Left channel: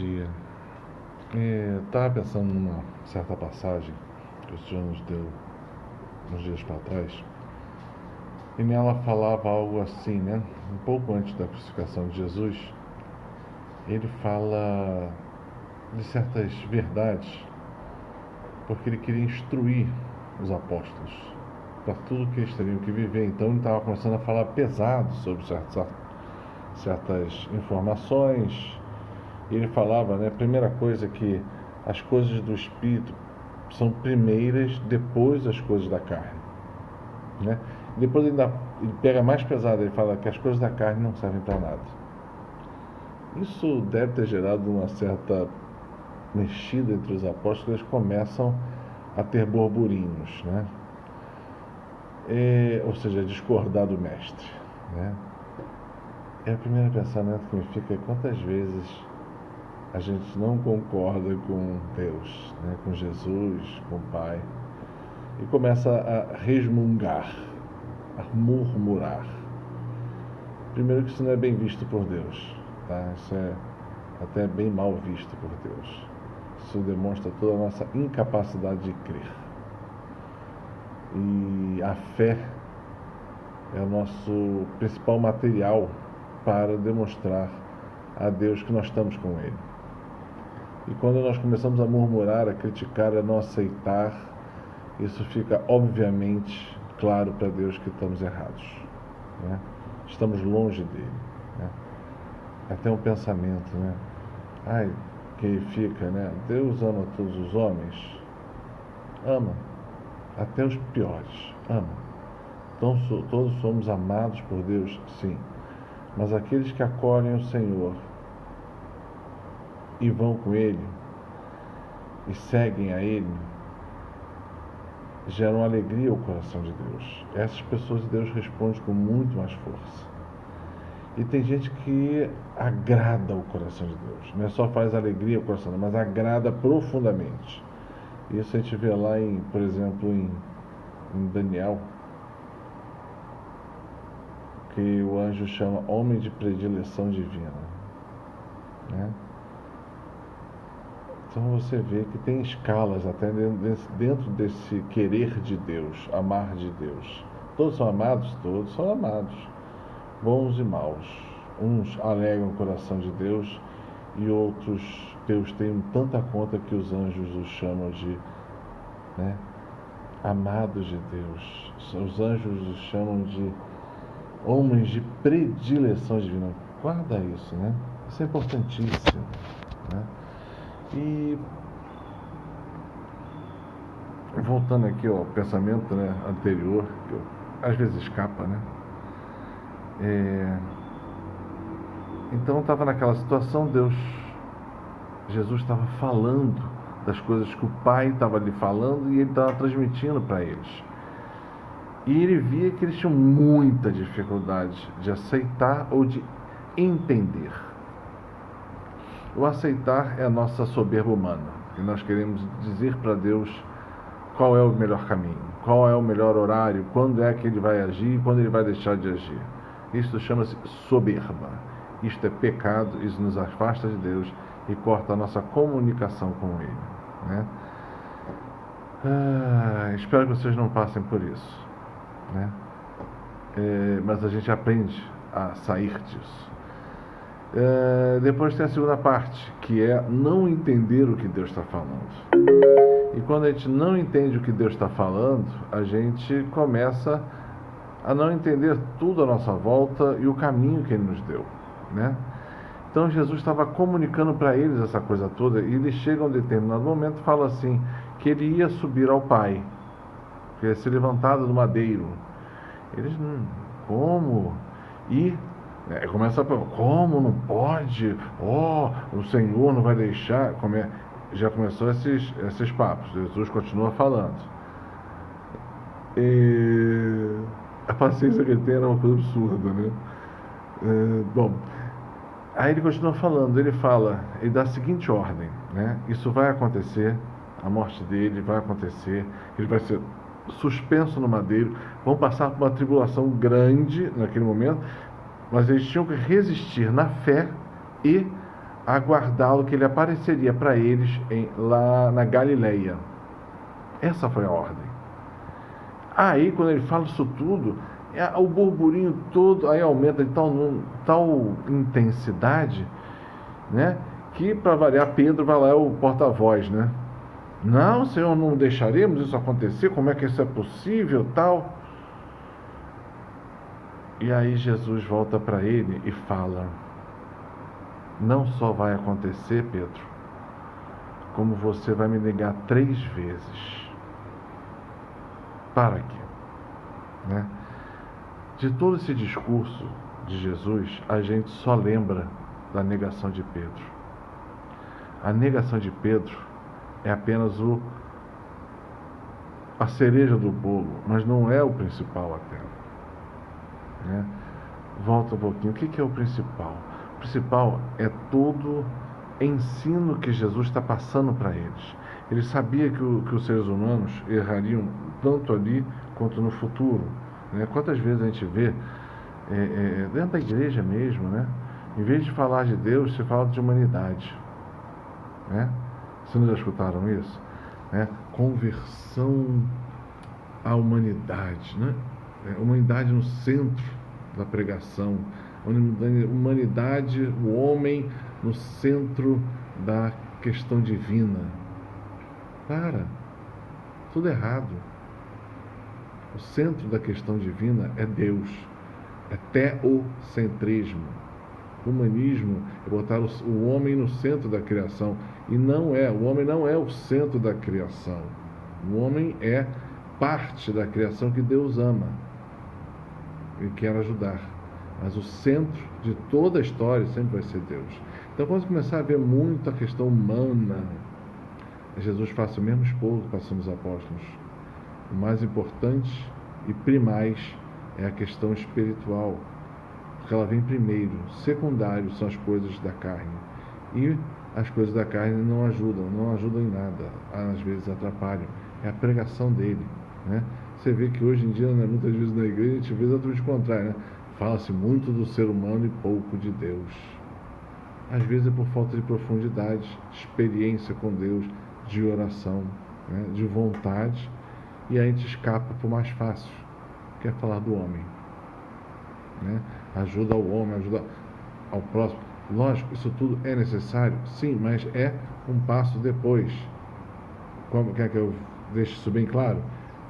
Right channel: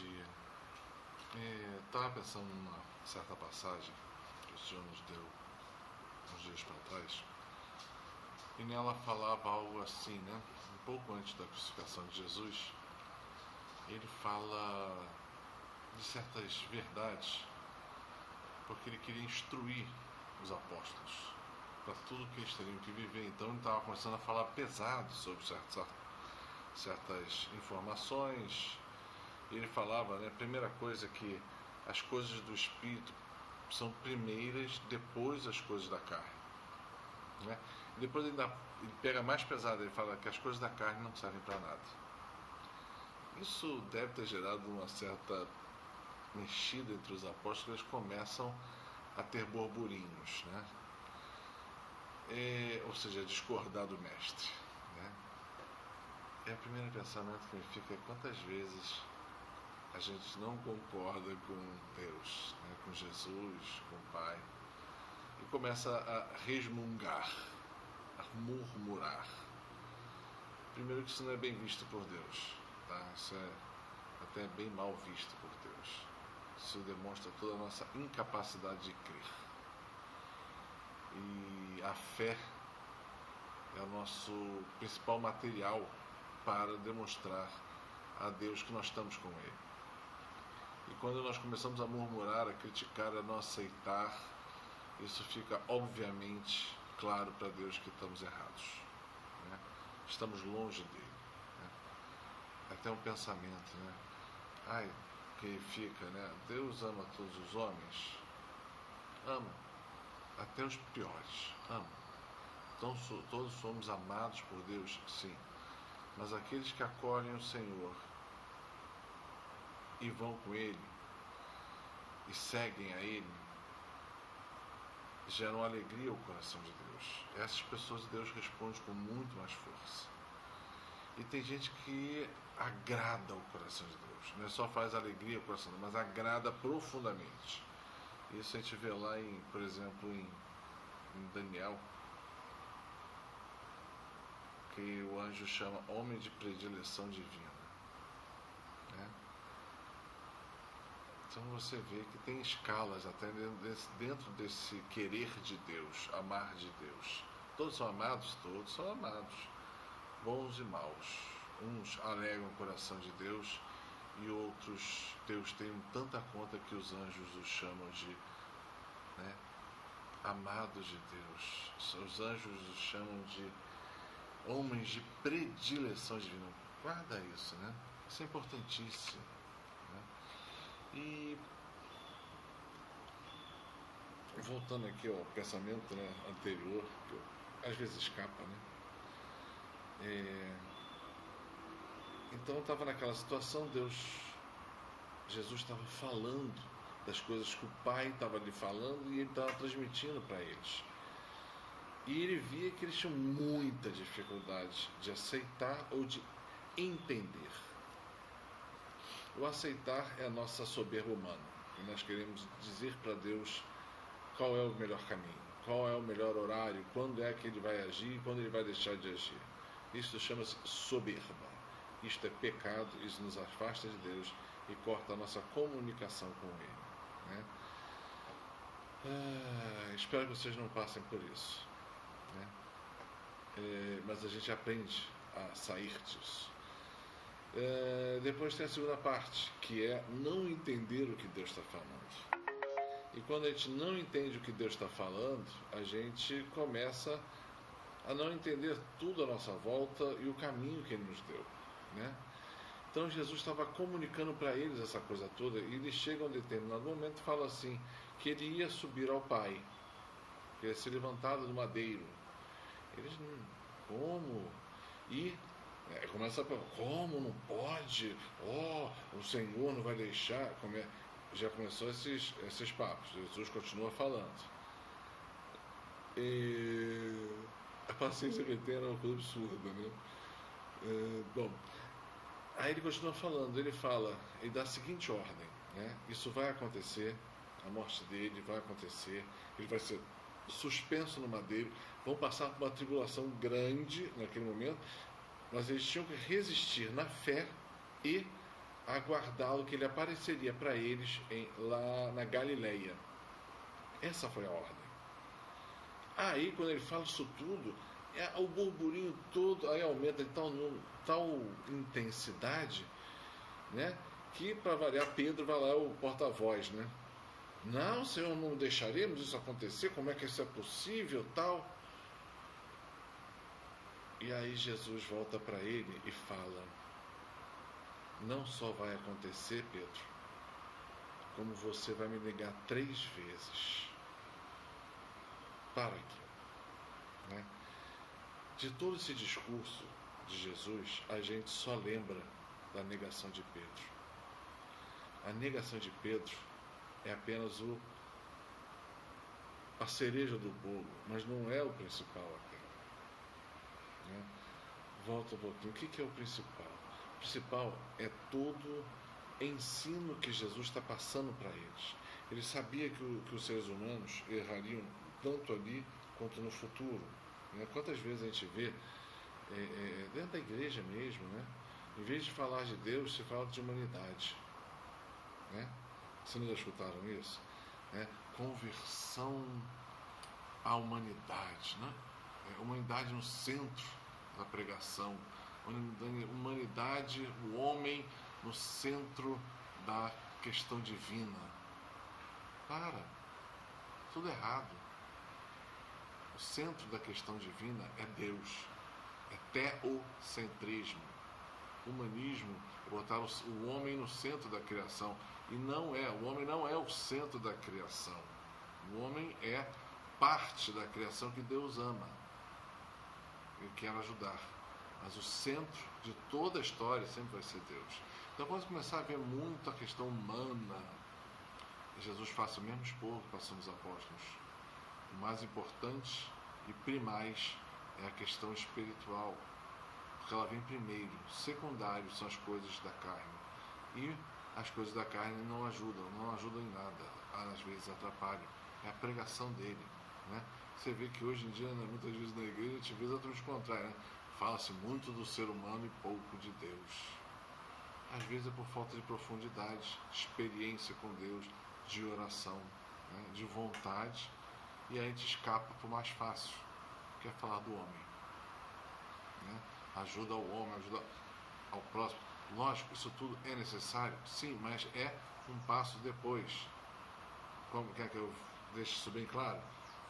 dia. Estava pensando numa certa passagem que o Senhor nos deu uns dias para trás, e nela falava algo assim, né? Um pouco antes da crucificação de Jesus, ele fala de certas verdades, porque ele queria instruir os apóstolos para tudo que eles teriam que viver. Então ele estava começando a falar pesado sobre certas informações. E ele falava, né, a primeira coisa, que as coisas do Espírito são primeiras, depois as coisas da carne, né? Depois ele pega mais pesado, ele fala que as coisas da carne não servem para nada. Isso deve ter gerado uma certa mexida entre os apóstolos. Eles começam a ter burburinhos, né? Ou seja, discordar do mestre, né? É o primeiro pensamento que me fica: quantas vezes a gente não concorda com Deus, né, com Jesus, com o Pai, e começa a resmungar, a murmurar. Primeiro, que isso não é bem visto por Deus, tá? Isso é até bem mal visto por Deus. Isso demonstra toda a nossa incapacidade de crer. E a fé é o nosso principal material para demonstrar a Deus que nós estamos com Ele. E quando nós começamos a murmurar, a criticar, a não aceitar, isso fica obviamente claro para Deus que estamos errados, né? Estamos longe dele, né? Até um pensamento, né? Que fica, né? Deus ama todos os homens? Ama. Até os piores. Ama. Então todos somos amados por Deus? Sim. Mas aqueles que acolhem o Senhor e vão com Ele e seguem a Ele, geram alegria ao coração de Deus. Essas pessoas Deus responde com muito mais força. E tem gente que agrada o coração de Deus. Não é só faz alegria ao coração, mas agrada profundamente. Isso a gente vê lá, por exemplo, em Daniel, que o anjo chama homem de predileção divina, né? Então você vê que tem escalas até dentro desse querer de Deus, amar de Deus. Todos são amados? Todos são amados. Bons e maus. Uns alegram o coração de Deus e outros, Deus tem tanta conta que os anjos os chamam de, né, amados de Deus. Os anjos os chamam de homens de predileção divina. Guarda isso, né? Isso é importantíssimo, né? E voltando aqui ao pensamento, né, anterior, que às vezes escapa, né? Então estava naquela situação, Jesus estava falando das coisas que o Pai estava lhe falando e ele estava transmitindo para eles. E ele via que eles tinham muita dificuldade de aceitar ou de entender. O aceitar é a nossa soberba humana, que nós queremos dizer para Deus qual é o melhor caminho, qual é o melhor horário, quando é que ele vai agir e quando ele vai deixar de agir. Isto chama-se soberba. Isto é pecado, isso nos afasta de Deus e corta a nossa comunicação com Ele, né? Espero que vocês não passem por isso, né? Mas a gente aprende a sair disso. Depois tem a segunda parte, que é não entender o que Deus está falando. E quando a gente não entende o que Deus está falando, a gente começa a não entender tudo à nossa volta e o caminho que Ele nos deu, né? Então Jesus estava comunicando para eles essa coisa toda, e eles chegam a um determinado momento e falam assim, que ele ia subir ao Pai, que ia ser levantado do madeiro. Eles, como? E começa a falar, como não pode? O Senhor não vai deixar. Já começou esses papos. Jesus continua falando. A paciência que ele tem era uma coisa absurda, né? Bom, aí ele continua falando. Ele dá a seguinte ordem, né? Isso vai acontecer, a morte dele vai acontecer, ele vai ser suspenso no madeiro, vão passar por uma tribulação grande naquele momento, mas eles tinham que resistir na fé e aguardá-lo, que ele apareceria para eles lá na Galileia. Essa foi a ordem. Aí, quando ele fala isso tudo, o burburinho todo aí aumenta de tal intensidade, né? Que, para variar, Pedro vai lá, é o porta-voz, né? Não, Senhor, não deixaremos isso acontecer, como é que isso é possível, tal? E aí Jesus volta para ele e fala: não só vai acontecer, Pedro, como você vai me negar 3 vezes. Para quê? Né? De todo esse discurso de Jesus, a gente só lembra da negação de Pedro. A negação de Pedro é apenas a cereja do bolo, mas não é o principal até. Né? Volta um pouquinho. O que é o principal? O principal é todo ensino que Jesus está passando para eles. Ele sabia que os seres humanos errariam tanto ali quanto no futuro. Né? Quantas vezes a gente vê, dentro da igreja mesmo, né? Em vez de falar de Deus, se fala de humanidade. Né? Vocês já escutaram isso? Né? Conversão à humanidade. Né? Humanidade no centro da pregação. Humanidade, o homem no centro da questão divina. Para, tudo errado. O centro da questão divina é Deus, é teocentrismo. O humanismo é botar o homem no centro da criação, e o homem não é o centro da criação. O homem é parte da criação que Deus ama e quer ajudar. Mas o centro de toda a história sempre vai ser Deus. Então, quando começar a ver muito a questão humana, Jesus faz o mesmo expor que passou nos apóstolos. O mais importante e primais é a questão espiritual, porque ela vem primeiro. Secundário são as coisas da carne. E as coisas da carne não ajudam em nada, às vezes atrapalham. É a pregação dele. Né? Você vê que hoje em dia, né, muitas vezes na igreja, a gente vê exatamente o contrário. Né? Fala-se muito do ser humano e pouco de Deus. Às vezes é por falta de profundidade, experiência com Deus, de oração, né, de vontade, e a gente escapa para o mais fácil, que é falar do homem. Né? Ajuda ao homem, ajuda ao próximo. Lógico, isso tudo é necessário, sim, mas é um passo depois. Como quer que eu deixe isso bem claro?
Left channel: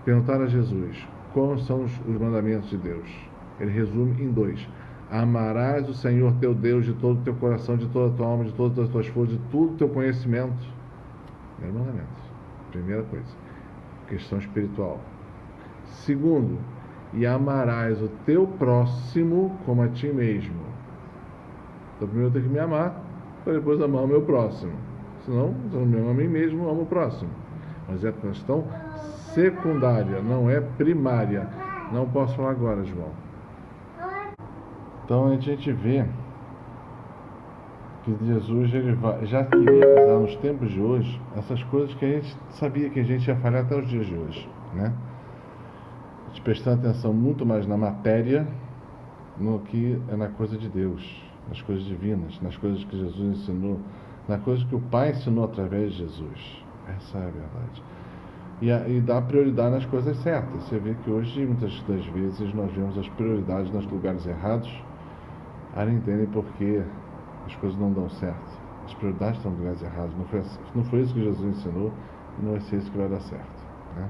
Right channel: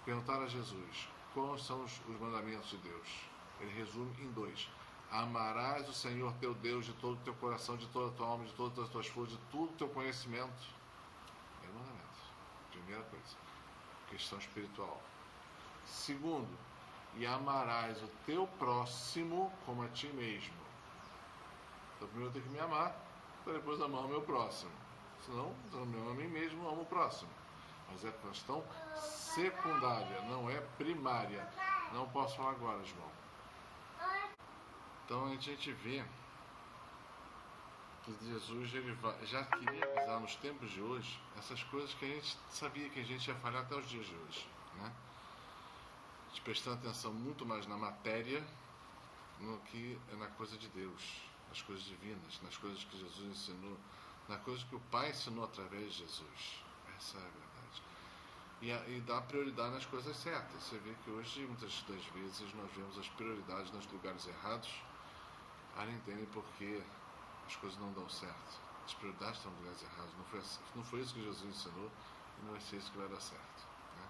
Perguntar a Jesus, quais são os mandamentos de Deus? Ele resume em 2. Amarás o Senhor teu Deus de todo o teu coração, de toda a tua alma, de todas as tuas forças, de todo o teu conhecimento. Primeiro mandamento. Primeira coisa. Questão espiritual. Segundo, e amarás o teu próximo como a ti mesmo. Então primeiro eu tenho que me amar, para depois amar o meu próximo. Senão, se eu não me amo a mim mesmo, eu amo o próximo. Mas é questão secundária, não é primária. Não posso falar agora, João. Então a gente vê que Jesus já queria avisar nos tempos de hoje essas coisas que a gente sabia que a gente ia falhar até os dias de hoje, né? A gente prestando atenção muito mais na matéria no que é na coisa de Deus, nas coisas divinas, nas coisas que Jesus ensinou, nas coisas que o Pai ensinou através de Jesus. Essa é a verdade. E dar prioridade nas coisas certas. Você vê que hoje, muitas das vezes, nós vemos as prioridades nos lugares errados. Aí não entendem por que as coisas não dão certo. As prioridades estão em lugares errados. Não foi isso que Jesus ensinou e não vai ser isso que vai dar certo. Né?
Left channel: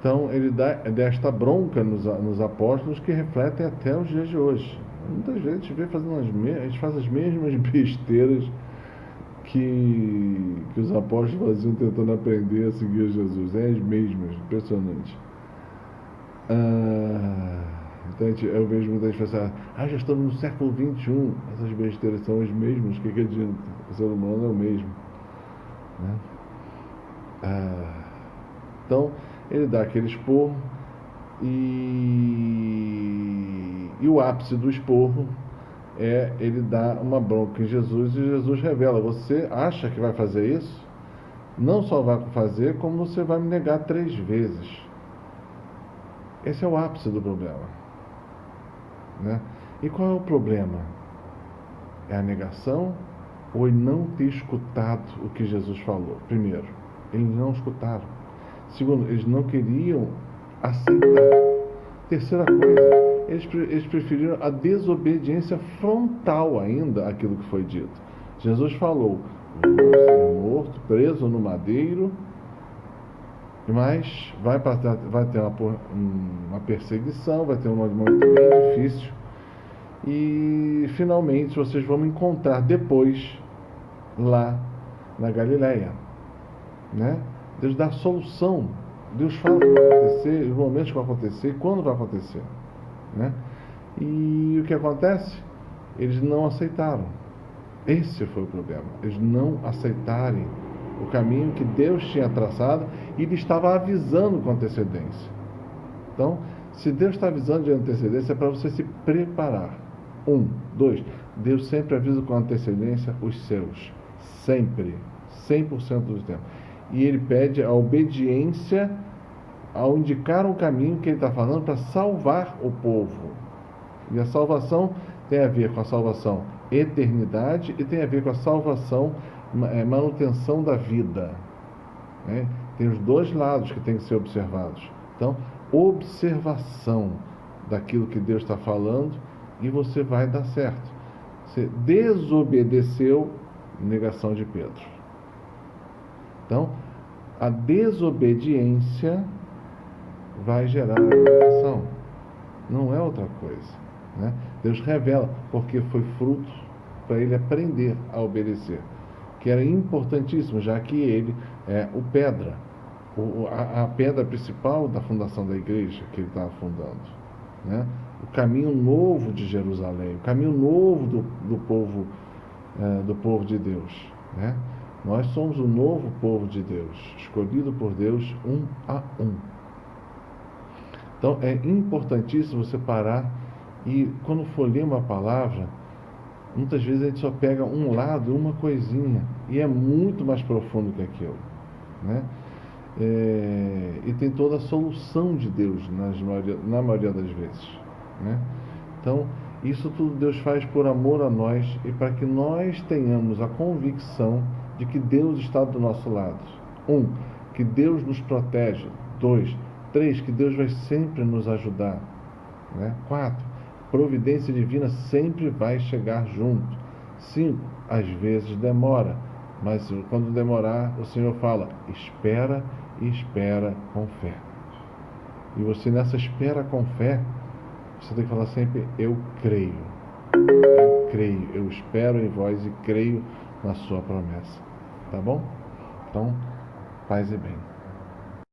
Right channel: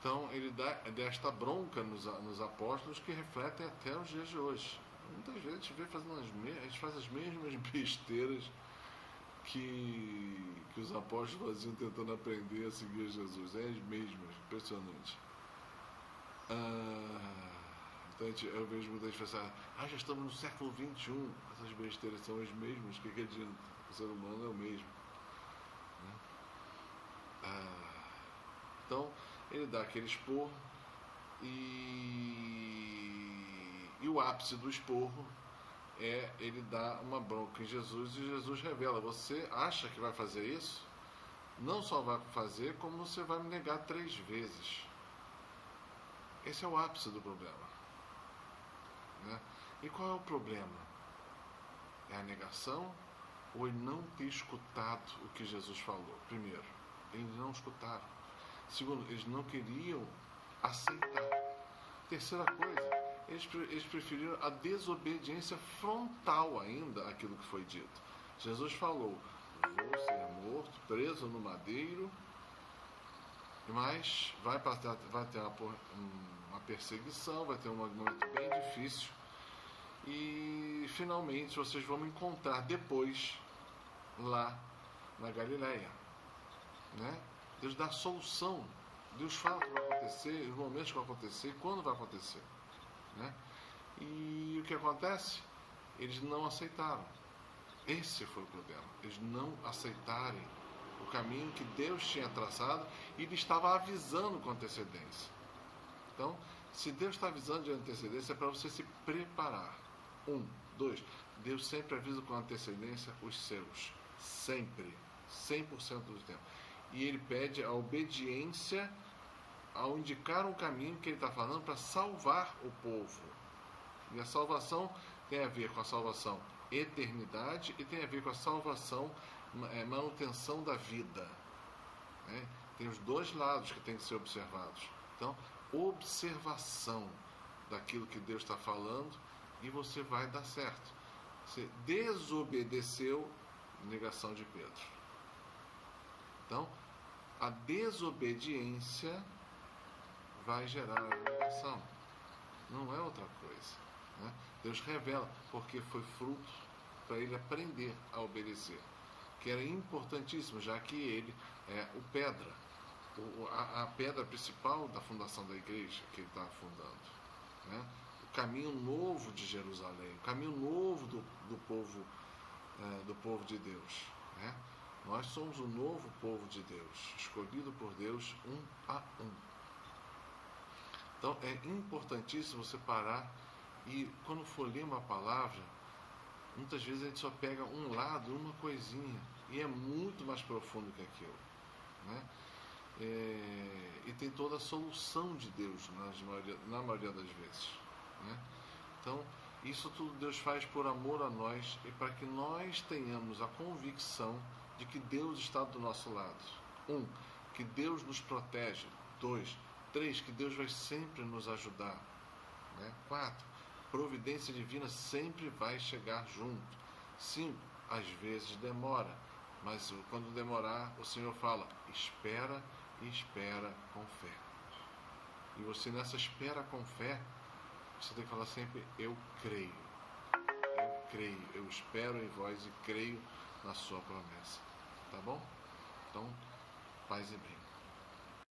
Então, ele dá desta bronca nos apóstolos que refletem até os dias de hoje. Muitas vezes a gente vê a gente faz as mesmas besteiras que os apóstolos faziam tentando aprender a seguir Jesus. É as mesmas, impressionante. Então eu vejo muita gente pensar, já estamos no século XXI, essas besteiras são as mesmas, o que adianta? O ser humano é o mesmo. Né? Então, ele dá aquele esporro e o ápice do esporro é ele dar uma bronca em Jesus e Jesus revela, você acha que vai fazer isso? Não só vai fazer, como você vai me negar 3 vezes. Esse é o ápice do problema. Né? E qual é o problema? É a negação ou em não ter escutado o que Jesus falou. Primeiro, eles não escutaram. Segundo, eles não queriam aceitar. Terceira coisa, eles preferiram a desobediência frontal ainda àquilo que foi dito. Jesus falou: vou ser morto, preso no madeiro, mas vai ter uma perseguição, vai ter um momento bem difícil, e finalmente vocês vão me encontrar depois lá na Galileia, né? Deus dá solução, Deus fala o que vai acontecer, os momentos que vão acontecer, quando vai acontecer, né? E o que acontece? Eles não aceitaram. Esse foi o problema. Eles não aceitarem o caminho que Deus tinha traçado e ele estava avisando com antecedência. Então, se Deus está avisando de antecedência, é para você se preparar. 1, 2, Deus sempre avisa com antecedência os seus. Sempre. 100% do tempo. E ele pede a obediência ao indicar um caminho que ele está falando para salvar o povo. E a salvação tem a ver com a salvação eternidade e tem a ver com a salvação, manutenção da vida, né? Tem os dois lados que tem que ser observados. Então, observação daquilo que Deus está falando e você vai dar certo. Você desobedeceu, negação de Pedro. Então, a desobediência vai gerar a negação. Não é outra coisa, né? Deus revela, porque foi fruto para ele aprender a obedecer, que era importantíssimo, já que ele é o pedra, a pedra principal da fundação da igreja que ele estava fundando, né? O caminho novo de Jerusalém, o caminho novo do povo de Deus, né? Nós somos o novo povo de Deus, escolhido por Deus um a um. Então é importantíssimo você parar e quando for ler uma palavra, muitas vezes a gente só pega um lado, uma coisinha, e é muito mais profundo que aquilo, né? E tem toda a solução de Deus na maioria das vezes, né? Então, isso tudo Deus faz por amor a nós e para que nós tenhamos a convicção de que Deus está do nosso lado. 1, que Deus nos protege. 2, 3, que Deus vai sempre nos ajudar, né? 4, providência divina sempre vai chegar junto. 5, às vezes demora, mas quando demorar, o Senhor fala: espera e espera com fé. E você nessa espera com fé, você tem que falar sempre: eu creio, eu espero em vós e creio na sua promessa. Tá bom? Então, paz e bem.